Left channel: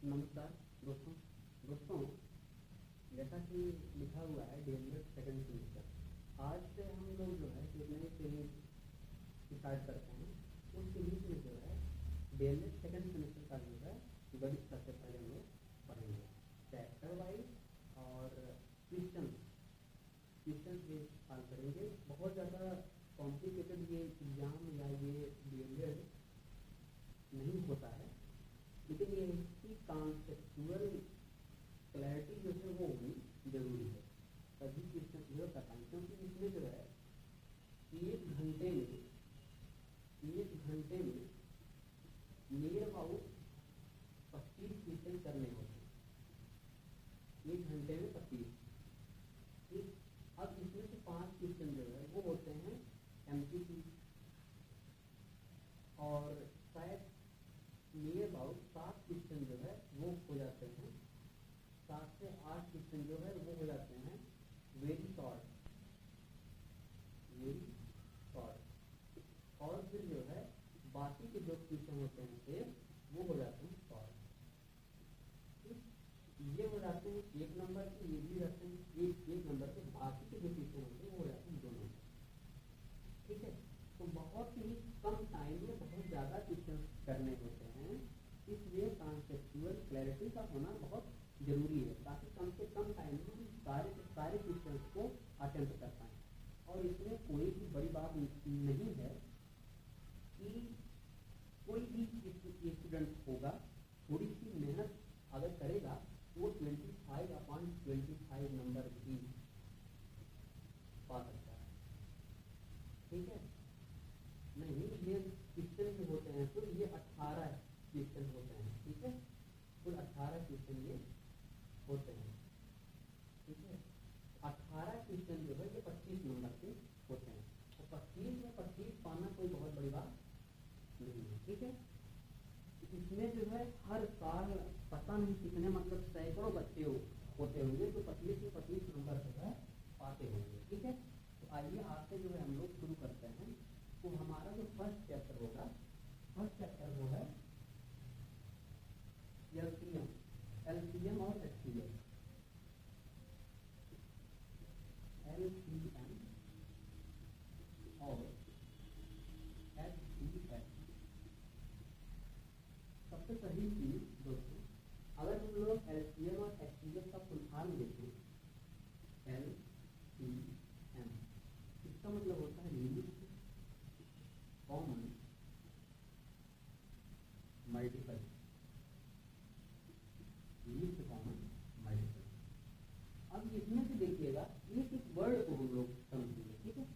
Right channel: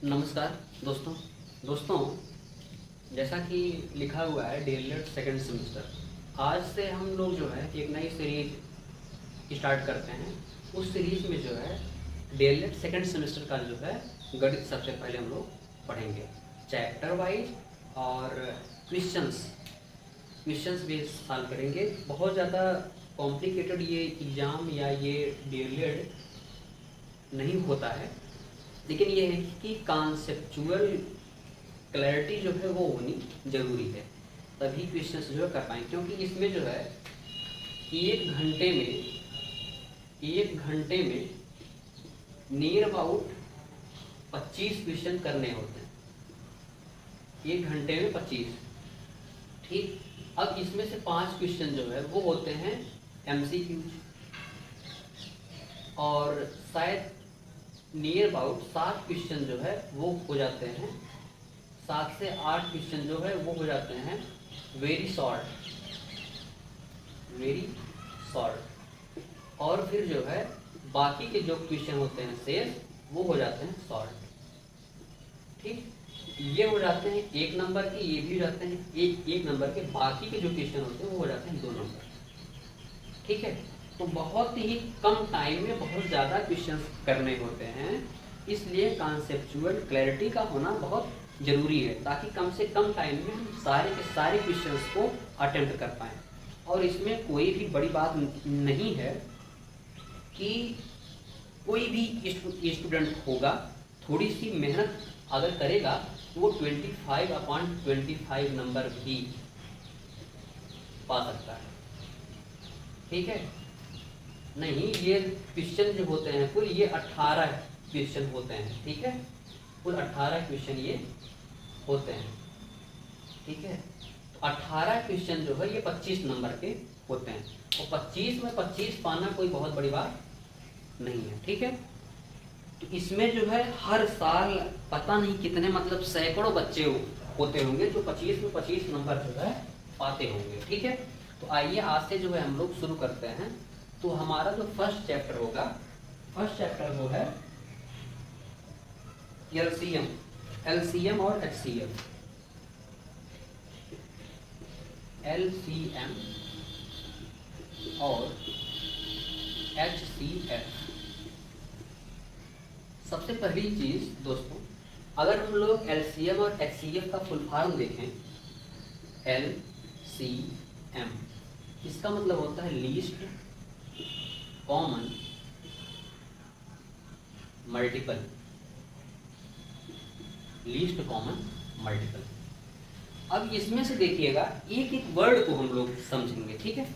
नमस्कार दोस्तों। दोस्तों, जैसा कि लिखा हुआ है डीएलएड सेकेंड सेमेस्टर, आज से हम लोग जो है एक नई सीरीज स्टार्ट करते हैं। उस सीरीज में जो है डीएलएड सेकेंड सेमेस्टर का जो है गणित सबसे पहले हम लोग पढ़ेंगे, चैप्टर वाइज और क्वेश्चंस भी सॉल्व करेंगे। बहुत ज़्यादा कॉम्प्लिकेटेड ये एग्ज़ाम या ये डीएलएड नहीं होता है, लेकिन ये है कि कॉन्सेप्चुअल क्लैरिटी जो है वो होनी ज़रूरी है, तभी क्वेश्चन जो है कर पाएंगे। क्योंकि इसमें जो है एक घंटे में नियर अबाउट 25 क्वेश्चन करने होते हैं। एक घंटे में 25, ठीक। अब इसमें से 5 क्वेश्चन जो है वो होते हैं एमसीक्यू, और शायद नियर अबाउट 7 क्वेश्चन जो है वो हो जाते हैं, 7 से 8 क्वेश्चन जो है वो हो जाते हैं वेरी शॉर्ट, और फिर जो है बाकी के जो क्वेश्चन होते हैं शेष वो हो जाते हैं शॉर्ट, ठीक। ये हो जाते हैं 1 नंबर के, ये भी हो जाते हैं एक नंबर के, बाकी के जो क्वेश्चन होते हैं वो हो जाते हैं 2 नंबर, ठीक है। तो बहुत ही कम टाइम में बहुत ज़्यादा क्वेश्चंस करने होते हैं, इसलिए कॉन्सेप्चुअल क्लैरिटी का होना बहुत ज़रूरी है, ताकि कम से कम टाइम में हम सारे के सारे क्वेश्चंस को अटेम्प्ट कर पाएँ। और इसमें कोई भी बड़ी बात नहीं है कि कोई भी स्टूडेंट होगा, थोड़ी सी मेहनत अगर करेगा तो वो 25/25 नंबर भी पा सकता है, ठीक है। नहीं, ये क्वेश्चन जो होते हैं कुल ये 18 क्वेश्चन होते हैं, ठीक है। कुल 18 क्वेश्चन ये होते हैं, ठीक है। तो 18 क्वेश्चन जो है ये 25 नंबर के होते हैं, और 25 में 25 पाना कोई बहुत बड़ी बात नहीं है, ठीक है। तो इसमें जो है हर साल पता नहीं कितने मतलब सैकड़ों बच्चे होते होंगे जो 25 में 25 नंबर जो है पाते होंगे, ठीक है। तो आइए आज से जो है हम लोग शुरू करते हैं। तो हमारा जो फर्स्ट चैप्टर होगा, फर्स्ट चैप्टर वो है एलसीएम और एचसीएफ। एलसीएम और एचसीएफ। सबसे पहली चीज दोस्तों, अगर हम लोग एलसीएम और एचसीएफ का फुल फॉर्म देखें, एलसीएम इसका मतलब होता है least common multiple, least common multiple. अब इसमें से देखिएगा एक एक वर्ड को हम लोग समझेंगे, ठीक है।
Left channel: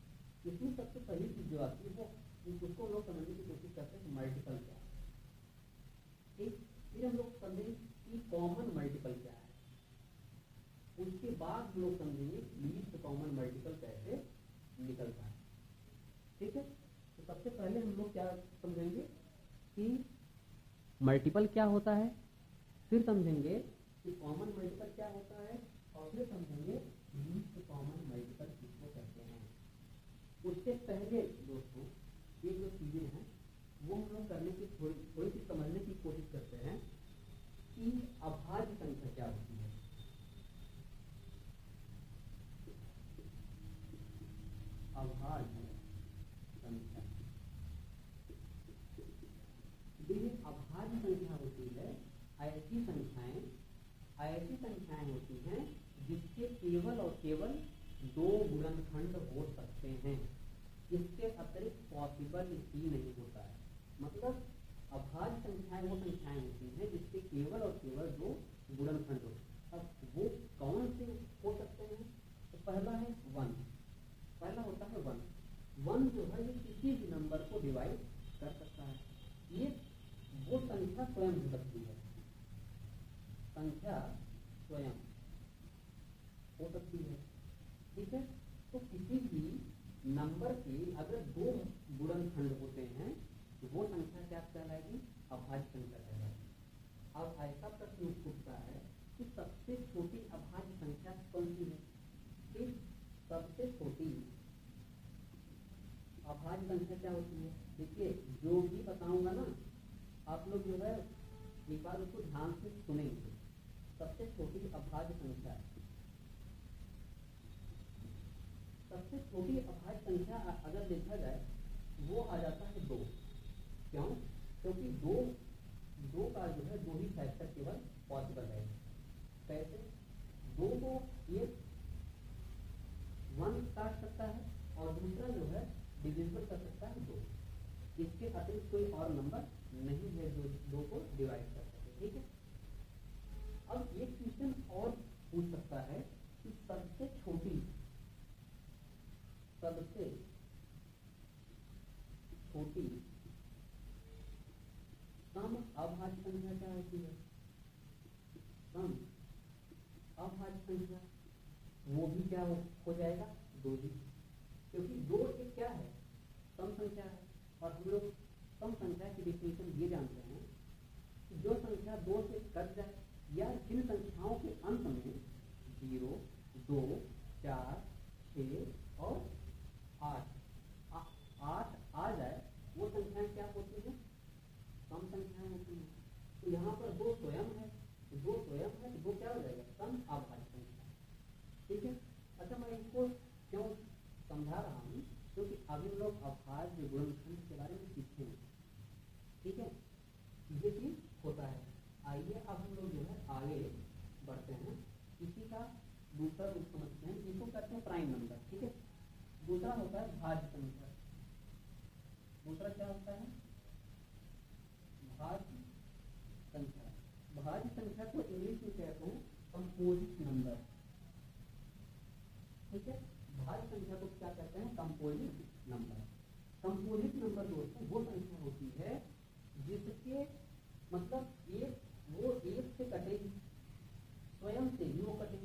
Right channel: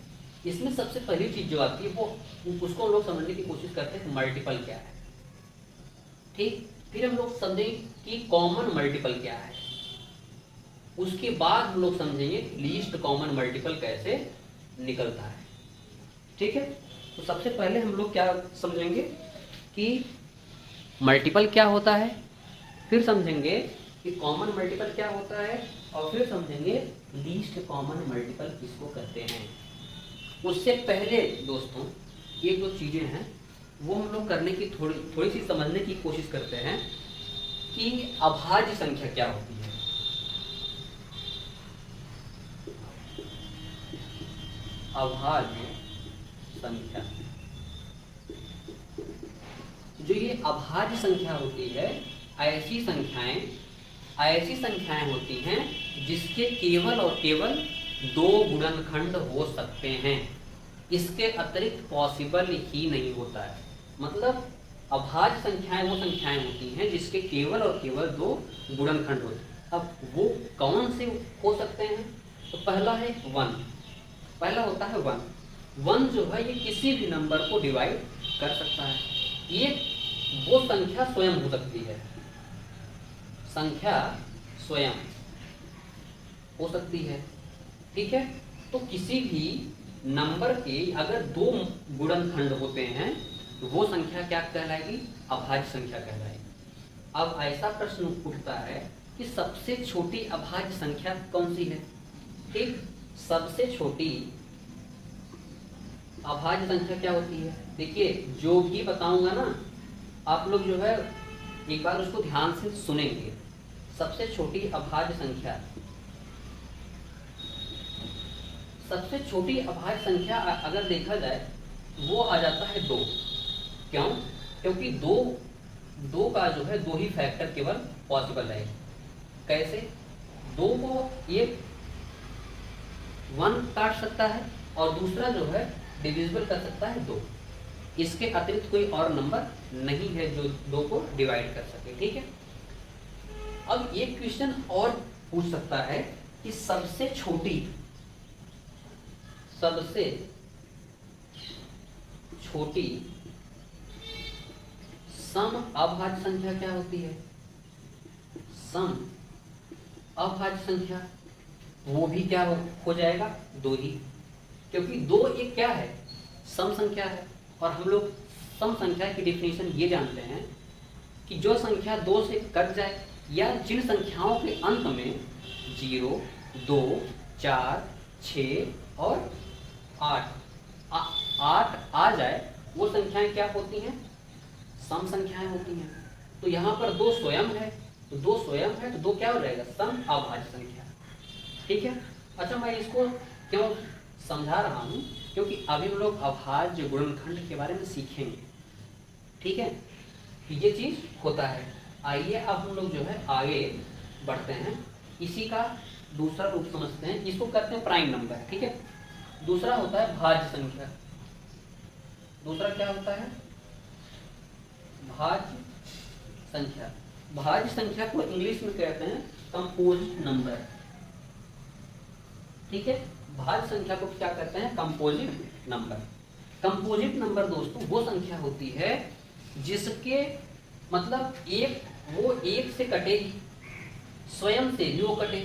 इसमें सबसे पहली चीज जो आती है वो उसको हम लोग समझने की कोशिश करते हैं कि मल्टीपल क्या है, ठीक। फिर हम लोग समझेंगे कि कॉमन मल्टीपल क्या है, उसके बाद हम लोग समझेंगे लीस्ट कॉमन मल्टीपल कैसे निकलता है, ठीक है। तो सबसे पहले हम लोग क्या समझेंगे कि मल्टीपल क्या होता है, फिर समझेंगे कि कॉमन मल्टीपल क्या होता है, और फिर समझेंगे लीस्ट कॉमन मल्टीपल किसको कहते हैं। उससे पहले दोस्तों एक दो चीज़ें हैं वो हम लोग करने की थोड़ी सी समझने की कोशिश करते हैं कि अभाज्य संख्या क्या होती है। अभाज्य संख्या, जो ये अभाज्य संख्या होती है, ऐसी संख्याएं होती हैं जिसके केवल और केवल 2 गुणनखंड हो सकते हैं, इसके अतिरिक्त पॉसिबल ही नहीं होता है। मतलब अभाज्य संख्याएं वो संख्याएं होती हैं जिसके केवल और केवल 2 गुणनखंड होते हैं। अब वो कौन से हो सकते हैं? तो पहला है 1, पहला होता है 1 जो है ये किसी भी नंबर को डिवाइड कर सकता है। ये वो संख्या स्वयं हो सकती है, संख्या स्वयं हो सकती है, ठीक है। तो किसी भी नंबर के अगर 2 गुणनखंड होते हैं तो वो संख्या क्या कहलाएगी? अभाज्य संख्या कहलाएगी। अब ऐसा प्रश्न उठता है कि सबसे छोटी अभाज्य संख्या कौन सी है? ठीक, सबसे छोटी अभाज्य संख्या क्या होती है? देखिए जो भी बताऊंगा ना, आप लोग जो है एक बार उसको ध्यान से सुनेंगे। सबसे छोटी अभाज्य संख्या, सबसे छोटी अभाज्य संख्या अगर देखा जाए वो आ जाता है 2। क्यों? क्योंकि दो का जो है 2 ही फैक्टर केवल पॉसिबल है। कैसे? 2 को एक 1 काट सकता है और दूसरा जो है डिविजिबल कर सकता है 2। इसके अतिरिक्त कोई और नंबर नहीं है जो 2 को डिवाइड कर सके। ठीक है। अब एक क्वेश्चन और पूछ सकता है कि सबसे छोटी सम अभाज्य संख्या क्या होती है? सम अभाज्य संख्या वो भी क्या हो जाएगा? 2 ही, क्योंकि 2 एक क्या है? सम संख्या है। और हम लोग सम संख्या की डिफिनेशन ये जानते हैं कि जो संख्या 2 से कट जाए या जिन संख्याओं के अंत में 0, 2, 4, 6 और 8 आ जाए वो संख्याएं क्या होती हैं? सम संख्याएं होती हैं। तो यहाँ पर 2 स्वयं है, तो 2 स्वयं है तो 2 क्या हो जाएगा? सम अभाज्य संख्या। ठीक है। अच्छा, मैं इसको क्यों समझा रहा हूँ? क्योंकि अभी हम लोग अभाज्य गुणनखंड के बारे में सीखेंगे। ठीक है, ये चीज होता है। आइए अब हम लोग जो है आगे बढ़ते हैं। इसी का दूसरा रूप समझते हैं। इसको करते हैं प्राइम नंबर। ठीक है। दूसरा होता है भाज्य संख्या। दूसरा क्या होता है? भाज्य संख्या। भाज्य संख्या को इंग्लिश में कहते हैं कंपोजिट नंबर। ठीक है। भाज्य संख्या को क्या कहते हैं? Composite number. कंपोजिट नंबर दोस्तों वो संख्या होती है जिसके मतलब वो एक से कटेगी, स्वयं से भी वो कटे,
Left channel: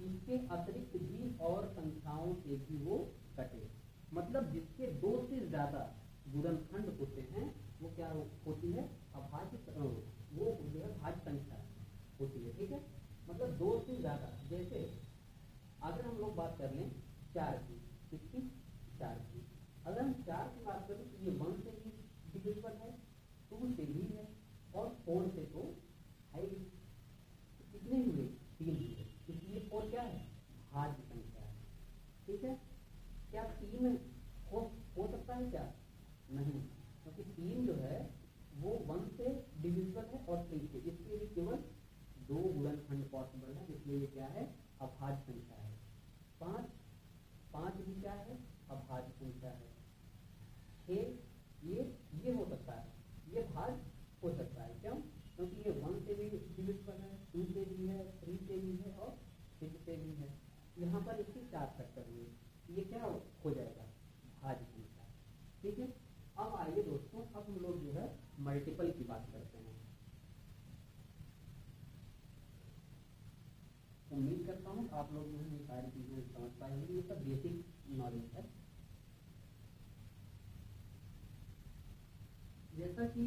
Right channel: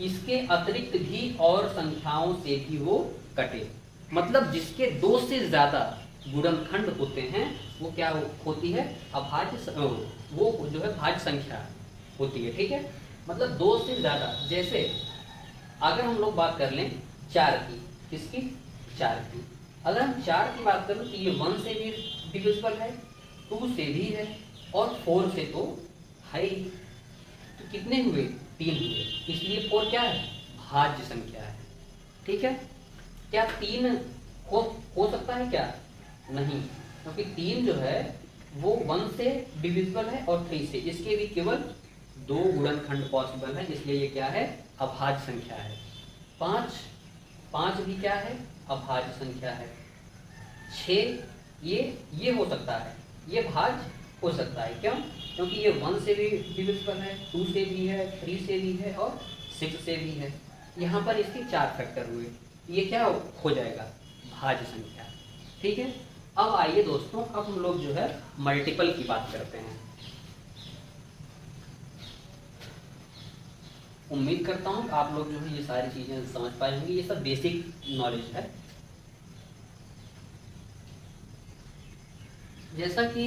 इसके अतिरिक्त भी और संख्याओं से भी वो कटे। मतलब जिसके 2 से ज्यादा गुणनखंड होते हैं वो क्या होती है? अभाज्य, वो जो है भाज्य संख्या होती है। ठीक है। मतलब 2 से ज्यादा। जैसे अगर हम लोग बात कर लें 4 की, किसकी? 4 की। अगर हम 4 की बात करें तो ये 1 से भी डिविजिबल है, 2 से भी है और 4 से तो है ही। तो कितने हुए? 3 हुए। इसलिए 4 क्या है? भाज्य संख्या है। ठीक है। क्या 3 हो सकता है क्या? नहीं, क्योंकि 3 जो है वो 1 से डिविजिबल है और 3 से। इसके भी केवल 2 गुणनखंड पॉसिबल है, इसलिए ये क्या है? अभाज्य संख्या है। 5 भी क्या है? अभाज्य संख्या है। 6 ये हो सकता है, ये भाज्य हो सकता है। क्यों? क्योंकि ये 1 से भी डिविजिबल है, 2 से भी है, 3 से भी है और 6 से भी है। यहाँ पर इसके 4 फैक्टर हुए, ये क्या हो जाएगा? भाज्य संख्या। ठीक है। अब आइए दोस्तों, अब हम लोग जो है मल्टीपल की बात करते हैं। उम्मीद करता हूँ आप लोग जो है ये सारी चीजें समझ पाए होंगे। ये सब बेसिक नॉलेज है। जैसा कि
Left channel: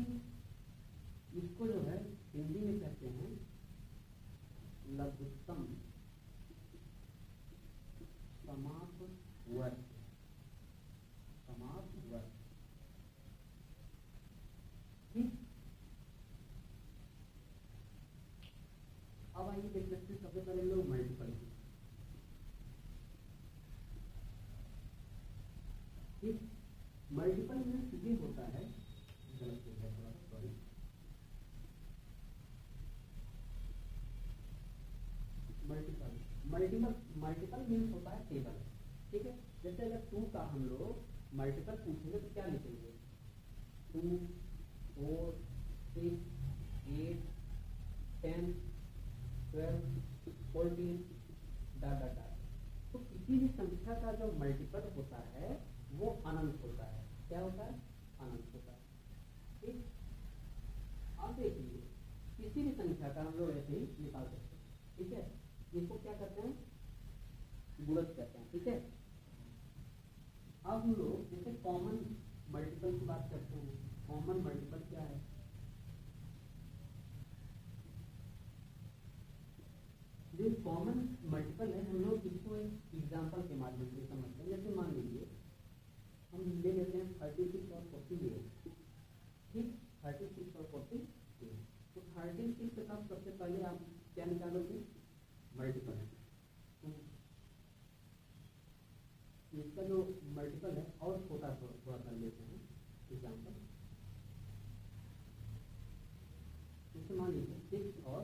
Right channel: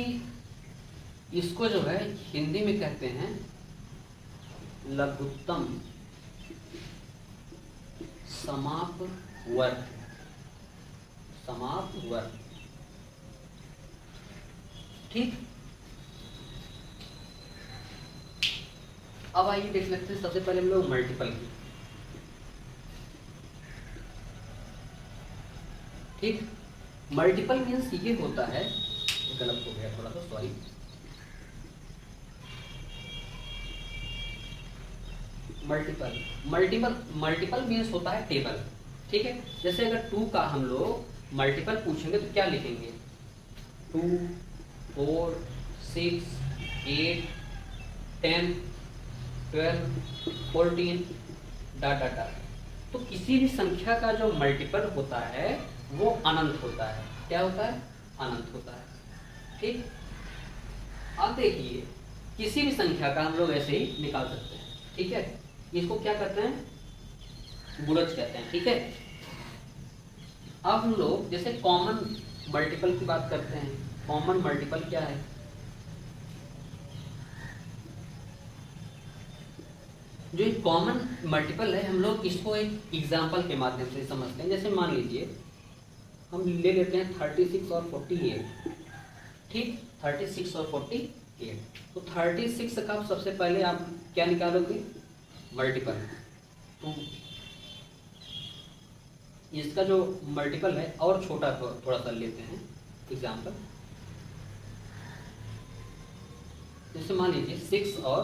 इसको जो है हिंदी में कहते हैं लघुत्तम समापवर्ग। समापवर्ग। ठीक। अब आइए देख लेते हैं सबसे पहले हम लोग मल्टीपल की। ठीक। मल्टीपल मीन्स ये होता है, गलत हो गया थोड़ा सा, सॉरी। मल्टीपल मीन्स होता है टेबल। ठीक है। जैसे अगर 2 का हम लोग मल्टीपल पूछेंगे तो क्या लिखेंगे? 2, 4, 6, 8, 10, 12, 14 डॉट डॉट डॉट। तो किसी भी संख्या का जो मल्टीपल होता है वो अनंत होता है। क्या होता है? अनंत होता है। ठीक। अब देखिए, किसी भी संख्या का हम लोग ऐसे ही निकाल सकते हैं। ठीक है। इसको क्या कहते हैं? गुणज कहते हैं। ठीक है। अब हम लोग जैसे कॉमन मल्टीपल की बात करते हैं। कॉमन मल्टीपल क्या है? जो एक कॉमन मल्टीपल है, हम लोग इसको एक एग्जाम्पल के माध्यम से समझते हैं। जैसे मान लीजिए हम ले लेते हैं 36 और 48। ठीक। 36 और 48। तो 36 का सबसे पहले आप क्या निकालोगे, मल्टीपल। तो इसका जो मल्टीपल है और छोटा थोड़ा सा लेते हैं एग्जाम्पल, जैसे मान लीजिए 6 और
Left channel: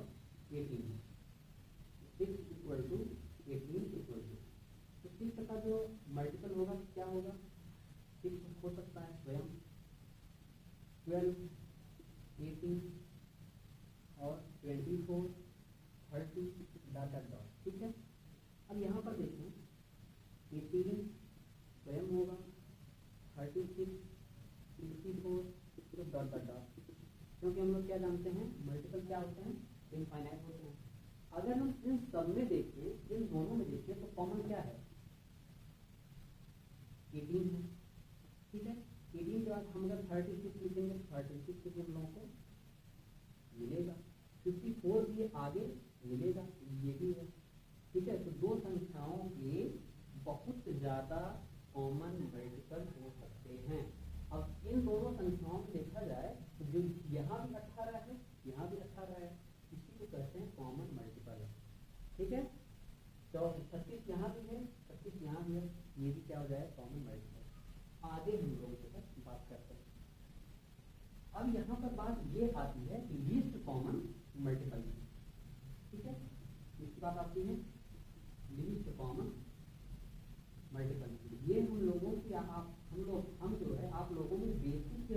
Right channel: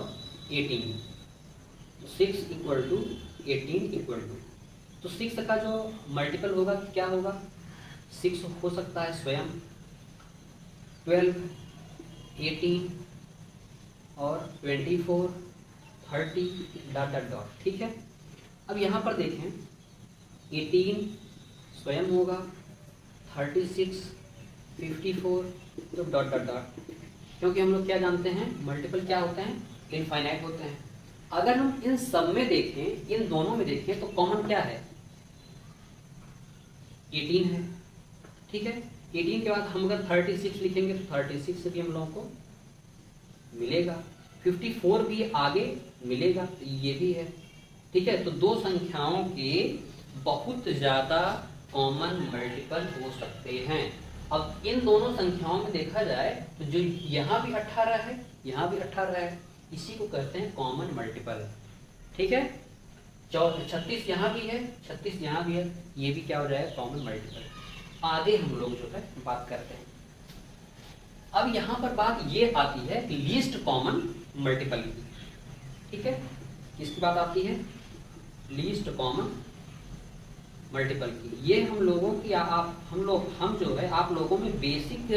18, 6 इक्वल टू 18 इक्वल टू, तो 6 का जो मल्टीपल होगा क्या होगा, 6 हो सकता है स्वयं, 12, 18 और 24, 30 डॉट डॉट डॉट। ठीक है, अब यहाँ पर देखें 18 स्वयं होगा, 36, 54 तो डॉट डॉट डॉट, क्योंकि हम लोग क्या जानते हैं मल्टीपल क्या होते हैं, इनफाइनाइट होते हैं। अगर हम इन सब में देखें, इन दोनों में देखें तो कॉमन क्या है, 18 है। ठीक है, 18 के बाद हम अगर 36 लिखेंगे तो 36 से भी हम लोगों को मिलेगा, 54 भी आगे मिलेगा, तो ये भी है। ठीक है, तो दो संख्याओं के बहुत ज़्यादा कॉमन मल्टीपल हो सकते हैं। अब इन दोनों संख्याओं में देखा जाए तो जो यहाँ भी 18 है, यहाँ भी 18 है, इसी को कहते हैं कॉमन मल्टीपल। ठीक है, 36 यहाँ भी है, 36 यहाँ भी है, ये भी क्या हो जाएगा, कॉमन मल्टीपल। आगे हम लोग जो है बात करते हैं। अब यहाँ पर बात ये आती है लीस्ट कॉमन मल्टीपल की। ठीक है, किसकी बात आती है, लीस्ट कॉमन मल्टीपल की। ये हम लोगों की हम जो है आप लोगों में बेसिक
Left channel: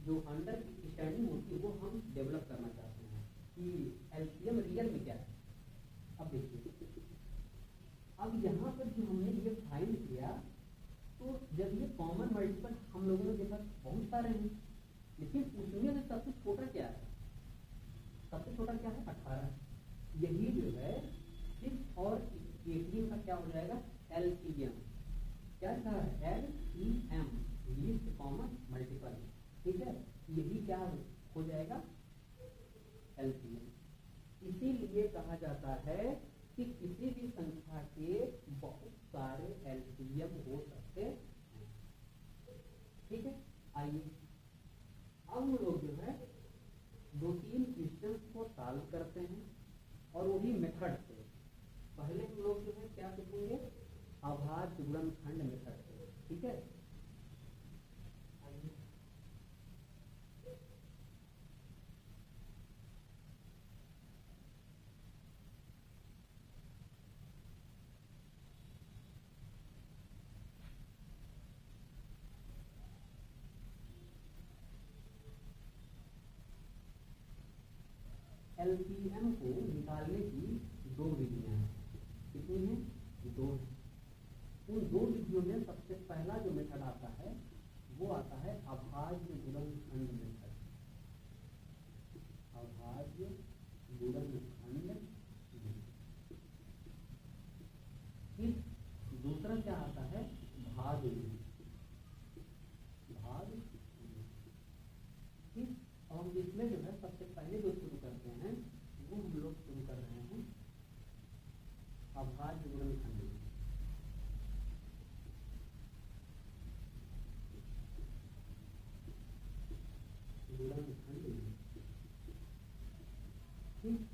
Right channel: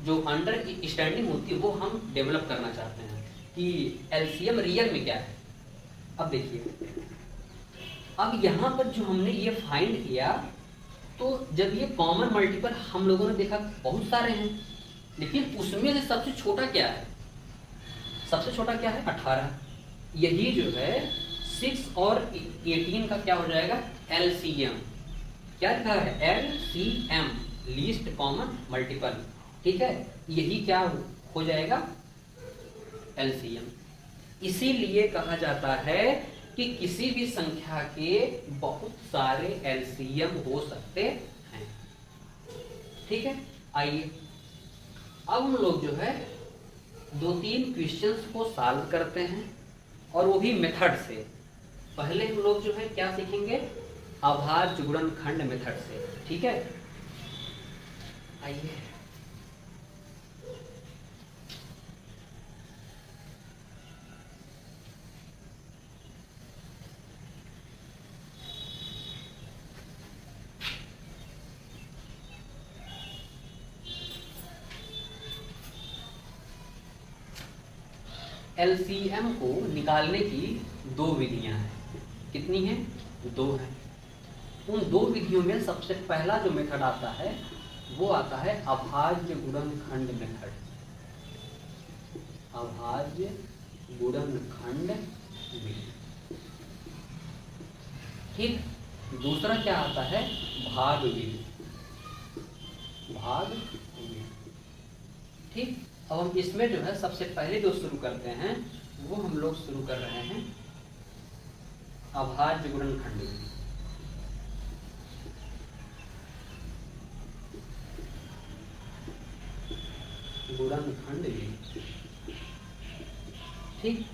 जो अंडरस्टैंडिंग होती है वो हम डेवलप करना चाहते हैं कि एलसीएम रियल में क्या है। अब देखिए, अब यहाँ पर जो हमने ये फाइंड किया, तो जब ये कॉमन मल्टीपल हम लोगों ने देखा बहुत सारे हैं, लेकिन उसमें से सबसे छोटा क्या है, सबसे छोटा क्या है, 18। यही जो है 6 और 18 का क्या हो जाएगा, एलसीएम। क्या लिखा है, एलसीएम, लीस्ट कॉमन मल्टीपल। ठीक है, यही क्या हो जाएगा, एलसीएम। इसीलिए कहा जाता है कि किसी भी संख्या के बहुत सारे एलसीएम हो सकते हैं। ठीक है, आइए अब हम लोग जो है 2-3 क्वेश्चंस को सॉल्व करते हैं, और वो भी मेथड से। पहले हम लोग जो है क्या सीखेंगे, अभाज्य गुणनखंड मेथड से। ठीक है, आइए एलसीएम को निकालने की 2 विधियां हैं। कितनी हैं, 2 हैं। उन 2 विधियों में सबसे पहला जो मेथड आता है वो आता है अभाज्य गुणनखंड मेथड। अभाज्य गुणनखंड विधि। ठीक, दूसरा क्या आता है, भाग विधि। भाग विधि। ठीक, अब हम इसमें जो है सबसे पहले जो शुरू करते हैं वो हम लोग शुरू कर रहे हैं अभाज्य गुणनखंड विधि। गुणनखंड विधि। ठीक,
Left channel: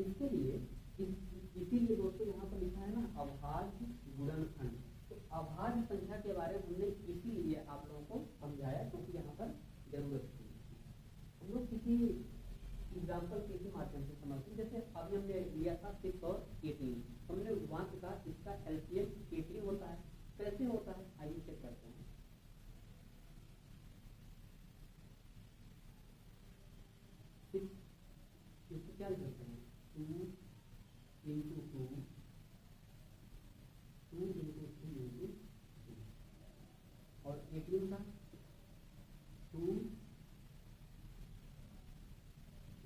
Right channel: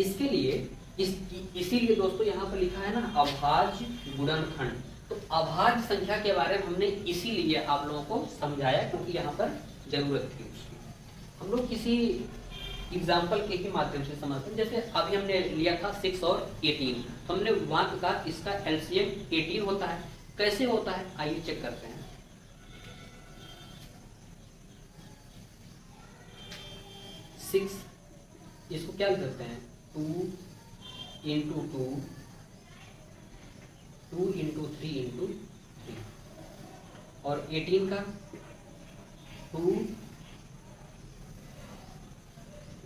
इसके लिए इसीलिए दोस्तों यहाँ पर लिखा है ना अभाज्य गुणनखंड। तो अभाज्य संख्या के बारे में हमने इसीलिए आप लोगों को समझाया क्योंकि यहाँ पर जरूरत थी उसकी। हम लोग किसी एग्जाम्पल के ही माध्यम से समझते हैं। जैसे अभी हमने लिया था 6 और 18, तो हमने वहां कहा इसका एलसीएम 18 होता है। कैसे होता है, आइए चेक करते हैं। 6 इसको क्या करते हैं, 2 इंटू 2, 2 इंटू 3 इंटू 3, और 18 का 2,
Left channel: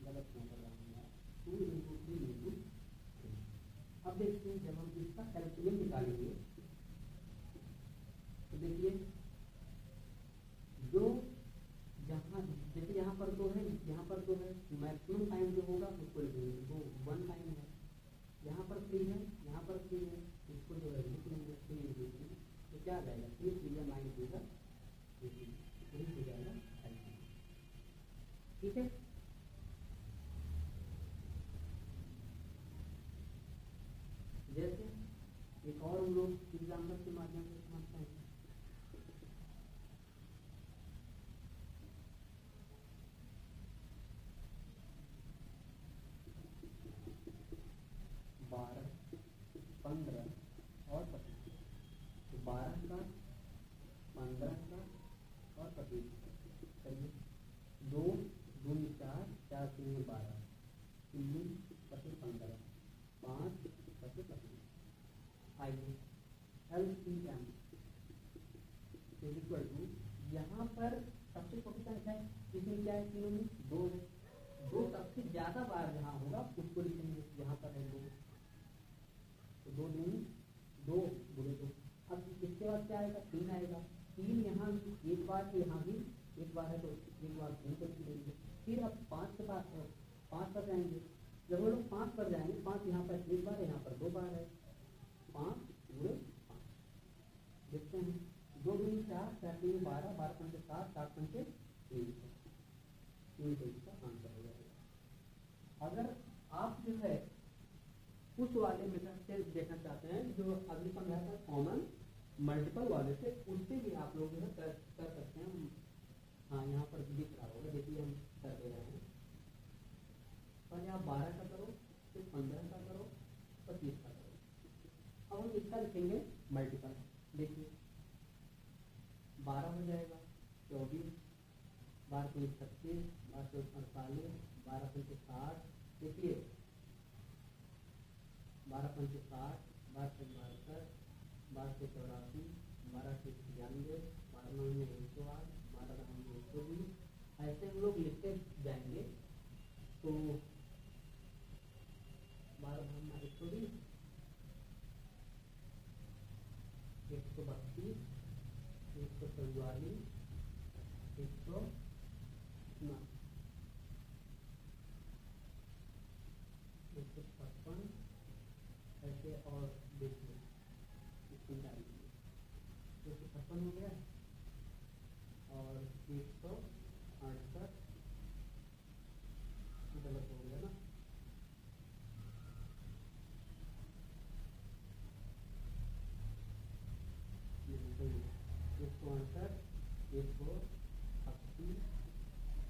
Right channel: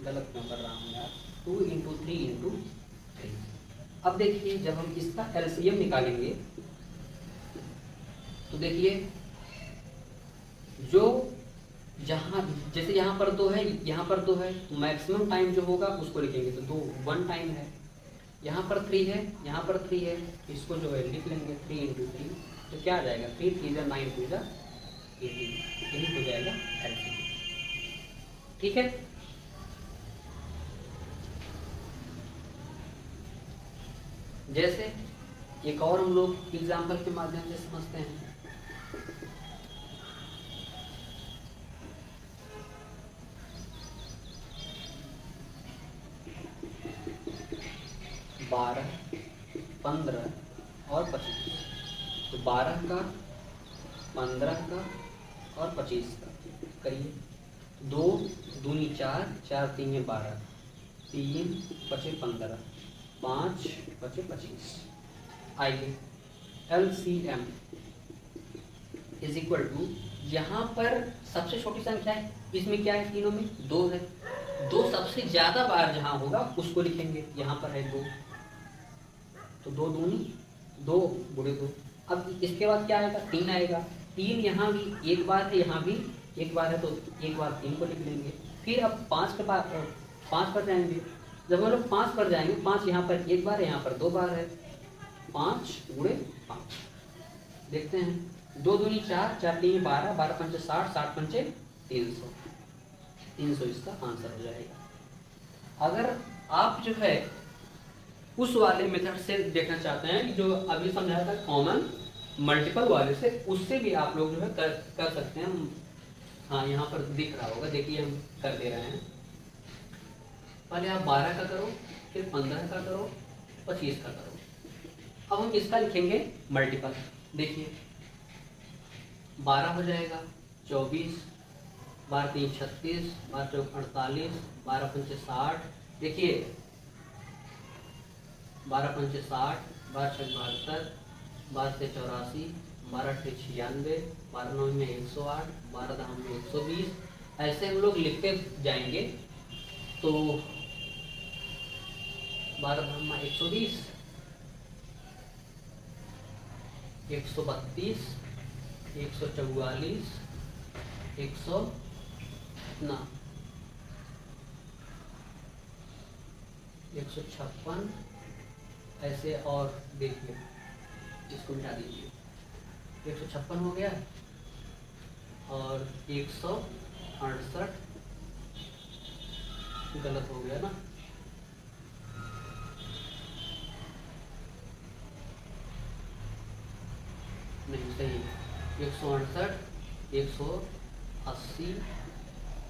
गलत क्यों कर रहा हूँ यार, 2 इंटू 3 इंटू 3। अब देखिए जब हम इसका एलसीएम निकालेंगे तो देखिए जो जहाँ जैसे यहाँ पर 2 है, यहाँ पर 2 है, तो मैक्सिमम टाइम जो होगा उसको लिखेंगे तो 2 1 टाइम है। यहाँ पर 3 है, यहाँ पर 3 है, इसको जो है लिख लेंगे 3 इंटू 3, तो क्या आ जाएगा 3 3 जा 9 2 जा 18, यही हो जाएगा एलसीएम। ठीक है, एक और हम लोग एग्जाम्पल के माध्यम से समझते हैं। बारह, 15 और 25। तो 12 का, 15 का और 25 का करिए। 2 दूनी 4, 4 तीन 12, 3 बचे 15, 5 बचे 25। आइए LCM इज इक्वल टू, यहाँ पर सबसे छोटी संख्या है, इसमें क्या है, तीनों में 2 है। 2 सबसे ज्यादा बार जहाँ होगा उसको लिखेंगे। यहाँ पर है 2, तो 2 दूनी 2 गुणे 2। अब इसके बाद क्या आएगा, 3 आएगा। 3 यहाँ भी एक बार है, यहाँ भी एक बार है, तो एक बार 3 को लिख लेंगे। फिर अब 5 के बाद 5 पर जाएंगे। जब हम लोग 5 पर जाएंगे, 5 यहाँ पर एक बार है, यहाँ पर 2 बार है, 5 गुणे 5। देखते हैं, 2 दूनी 4, 4 तीन 12, 12 पंचे 60, 60 पंचे 300। 300 इसका आंसर हो जाएगा। अगर आप जो है उस वाले मेथड से देखना चाहते हैं कि जो अभी समझाया था कॉमन मल्टीपल वाले से, उससे भी आप लोग जो है कर सकते हैं। हाँ, यहाँ पर दिख रहा होगा, देखिए हम कर दे रहे हैं। पहले आप 12 का करो, फिर 15 का करो, 25 का करो। अब हम इसका लिखेंगे मल्टीपल। देखिए 12 हो जाएगा 24, 12 3 36, 12 चौक 48, 12 पंचे 60। देखिए 12 पंचे 60, 12 छक 72, 12 से 84, 12 से 96, 12 9 में 108, 12 10 में 120। ऐसे हम लोग लिखते जाएंगे तो 12 10 में 120, 132, 144, 100 ना 156। ऐसे और देखिए, इसको मिटा दीजिए, 156 हो गया और 168 गलत हो गया ना, नहीं सही, 168, 180,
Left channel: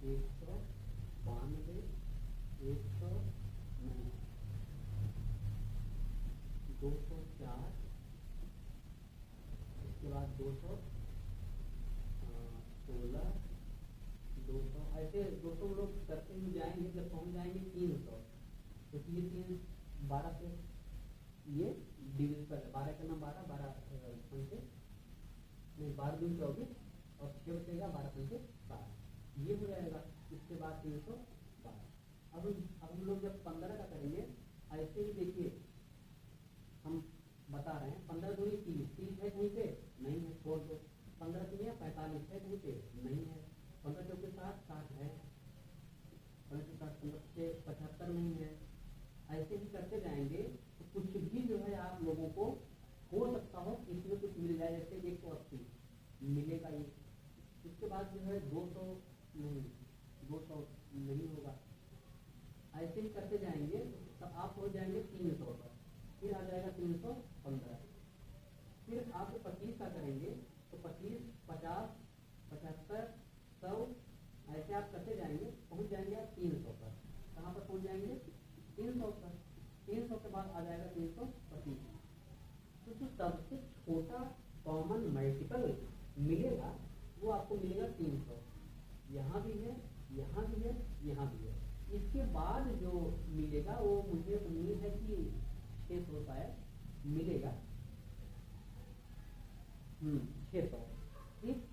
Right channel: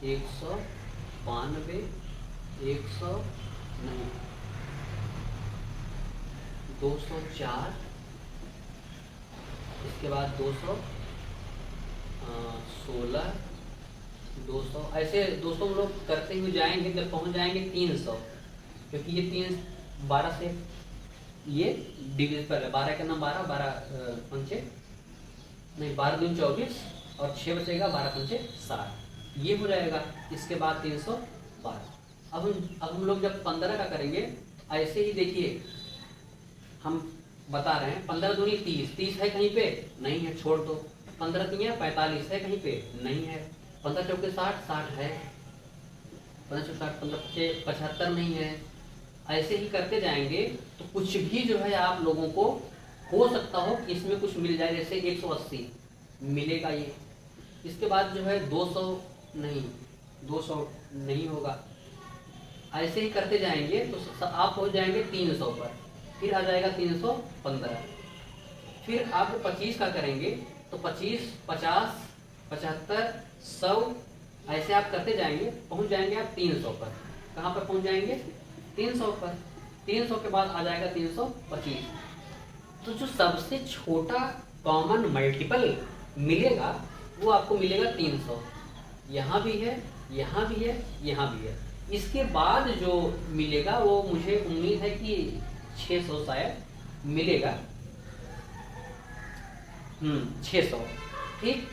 192, 100 नहीं, 204, इसके बाद 216, 200। ऐसे 200 हम लोग करते हुए जाएंगे, जब पहुंच जाएंगे 300, क्योंकि ये 3 12 से ये डिविजिबल है। 12 के नाम 12, 12 पंचे नहीं, 12 दूनी 24 और 6 बचेगा, 12 पंचे 60, ये हो जाएगा। इसके बाद 312। अब हम लोग जब 15 का करेंगे, ऐसे ही देखिए हम बता रहे हैं, 15 दूनी 30, 30 है कहीं पे, नहीं है, छोड़ दो। 15 तीन 45 है कहीं पे, नहीं है। 15 चौके 60, 60 है, 15 चौके 60, 15 पचे 75 नहीं है। ऐसे ही करते जाएंगे तो कुछ भी जो है आप लोगों को हो सकता हो कि इसमें कुछ मिल जाए, जैसे 180 मिलेगा ये। इसके बाद जो है 200 नहीं, 200 नहीं होगा। ऐसे ही करते जाएंगे तो आप हो जाएंगे 300 पर, फिर आ जाएगा 315। फिर आप 25 का करेंगे तो 25, 50, 75, 100, ऐसे आप करते जाएंगे, पहुंच जाएंगे आप 300 पर। कहाँ पर पहुंच जाएंगे, 300 पर। 300 के बाद आ जाएगा 325। तो जो सबसे छोटा कॉमन मल्टीपल मिलेगा वो आपको मिलेगा 300। यहाँ भी है, यहाँ भी है, यहाँ भी है। इसके बाद जो मिलेगा वो मुझे उम्मीद है कि 600 शायद मिलेगा। 600, ठीक।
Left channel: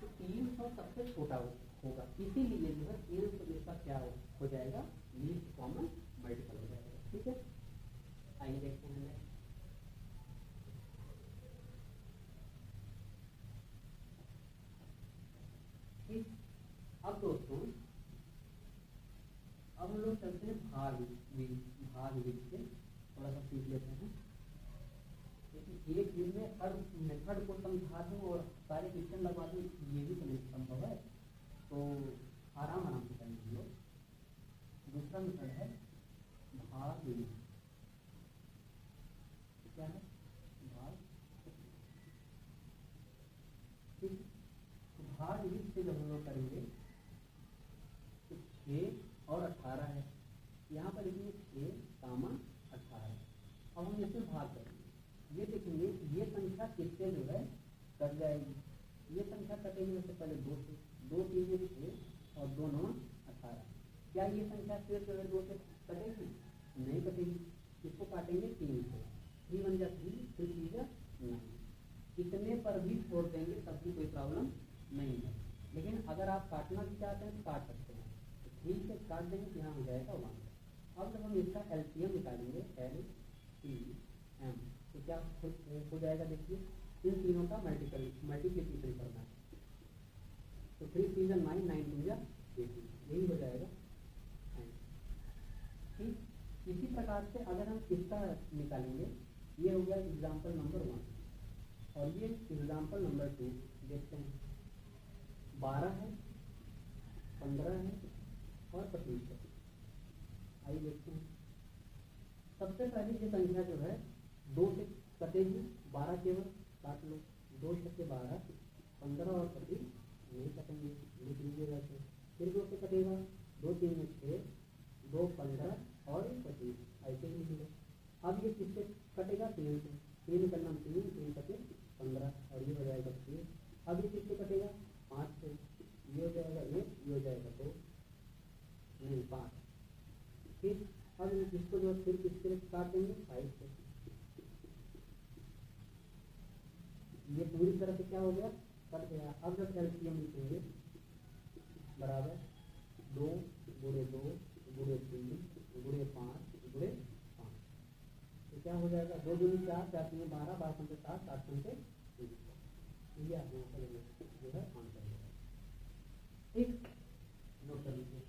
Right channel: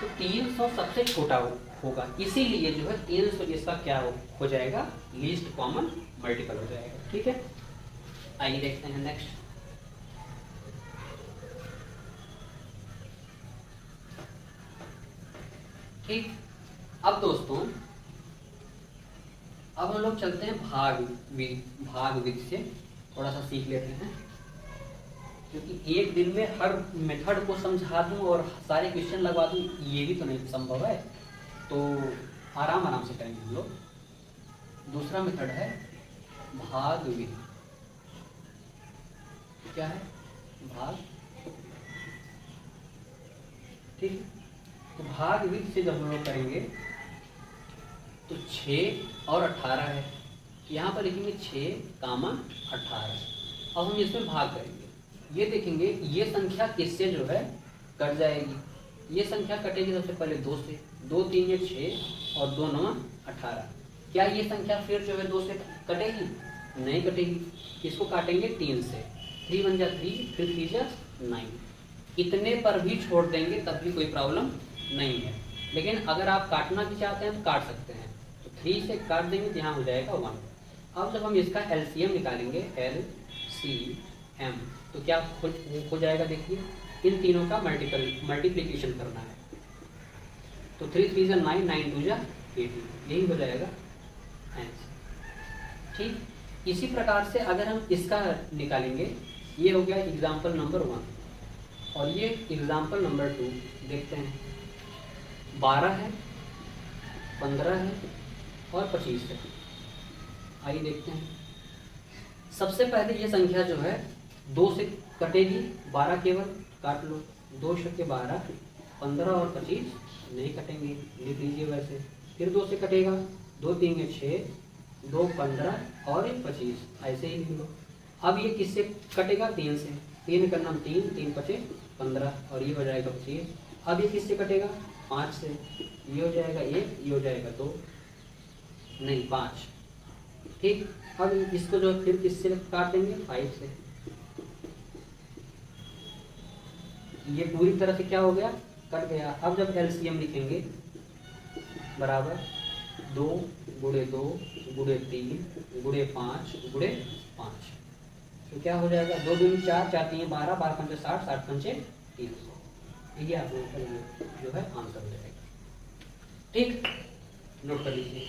तो 300 सबसे छोटा होगा, इसीलिए जो है 300 इसका क्या हो जाएगा, लीस्ट कॉमन मल्टीपल हो जाएगा। ठीक है, आइए देखते हैं नेक्स्ट। ठीक, अब दोस्तों अब हम लोग चलते हैं भाग विधि से थोड़ा सा सीख लेते हैं, क्योंकि एक दिन में हर मेथड को समझा दूं और सारे क्वेश्चन लगवा दूं ये भी तो नहीं संभव है, तो आराम आराम से करेंगे हम लोग। दूसरा मेथड है भाग विधि। क्या है भाग, ठीक। तो भाग विधि से जब हम लोग करेंगे तो 6 और 18 है, यहाँ पर लिखेंगे 6, 18। अब हम इसमें भाग करेंगे, ये देखेंगे ये संख्या किससे जो है कट जाएगी। ये संख्या कटेगी सबसे पहले 2 से, 2 3 ये 6 और 2 9 18। क्या ये संख्या फिर जो है 2 से कटेगी? नहीं कटेगी। इसको काटेंगे 3 से, 3 बन जा 3, फिर 3 जा 9। इतने पर भी छोड़ देंगे तब भी कोई प्रॉब्लम नहीं है, लेकिन अगर आप काटना भी चाहते हैं तो काट सकते हैं। तो 3 से काट देंगे तो यहाँ हो जाएगा 1। अब जब हम इसका एलसीएम निकालेंगे, LCM, तो क्या हो जाएगा? देखिए इन तीनों का मल्टीप्लिकेशन करना है। तो 3 3 जा 9, 9 2 जा 18, यही हो जाएगा आंसर। ठीक, इसी प्रकार से अगर हम इसका निकालेंगे, ये हो गया एग्जाम्पल नंबर 1 और ये एग्जाम्पल नंबर 2। देखते हैं 12 है, 15 है और 25 है। आइए देखते हैं। सबसे पहले ये संख्या जो है 2 से कटेगी, 12 केवल काट लो, 2 छक्के 12, 15 और 25 नहीं कटेंगे, लिख लीजिए वैसे। फिर 2 से कटेगा, 2 3 ये 6, 2 15 और 25, ऐसे ही लिख लो। अब ये किससे कटेगा? 3 से, 3 का नाम 3, 3 5 15 और ये हो जाएगा 25। अब ये किससे कटेगा? 5 से, ये हो जाएगा 1, ये हो जाएगा 2, नहीं 5। ठीक, अब इसको जो फिर किससे काट देंगे? 5 से। ये पूरी तरह से क्या हो गया? कट गया। अब जब एलसीएम लिखेंगे बराबर 2 गुणे 2 गुणे 3 गुणे 5 गुणे 5, तो क्या हो जाएगा? 2 दूनी 4, 4 3 12, 12 पंचे 60, 60 पंचे 300। ये आप लोगों का जो है आंसर हो जाएगा। ठीक, नोट कर लीजिए।